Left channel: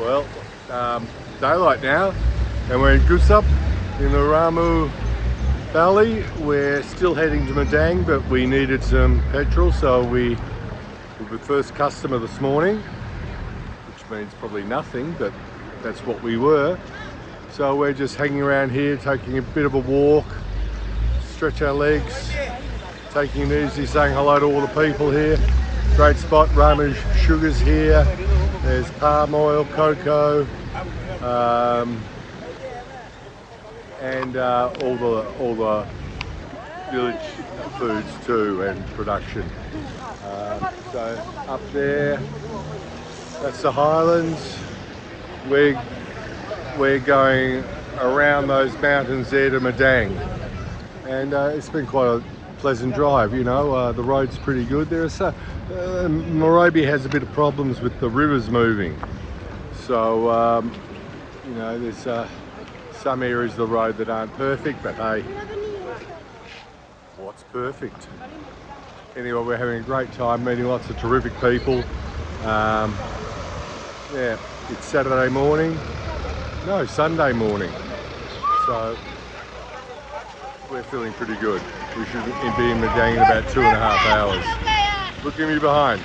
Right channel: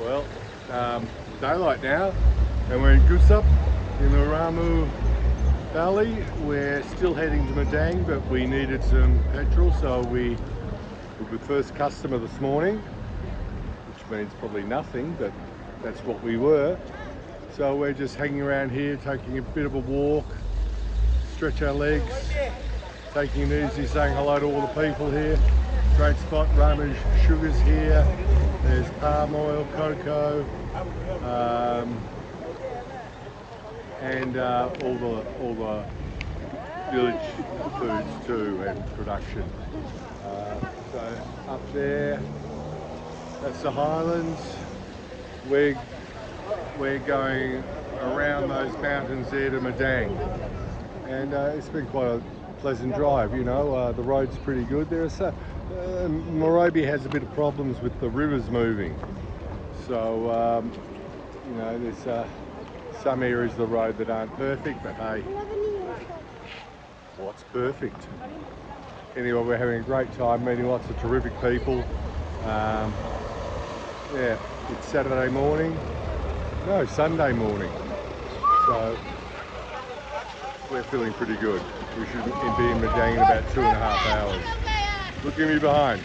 Well, daylight now, and we're in Gujup in the Ramu Valley. We're still heading to Madang, but we needed some petrol, so we were the first customer this morning, which means probably nothing, but that's what we were. So we're just hanging around here, taking a bit of a walk, stretch our legs, taking it easy, saying hello to all the people here. Great spot. Ramu sugars here. There's palm oil, cocoa, and all the village foods too, and production. So up there, that's the highlands. We're going around those mountains there to Madang, and it's been quite a pleasant drive. You know, the road's pretty good. Morobe has a bit of problems with the rivers moving, so you know, there's some areas of the road that aren't perfect, but hey, what's perfect? Anyway, we're having a great time, meeting lots of terrific people. Yeah, it's Saturday morning, no, Sunday morning, so we're feeling pretty good. We should be in Madang in about 2.5 hours. Look at me behind.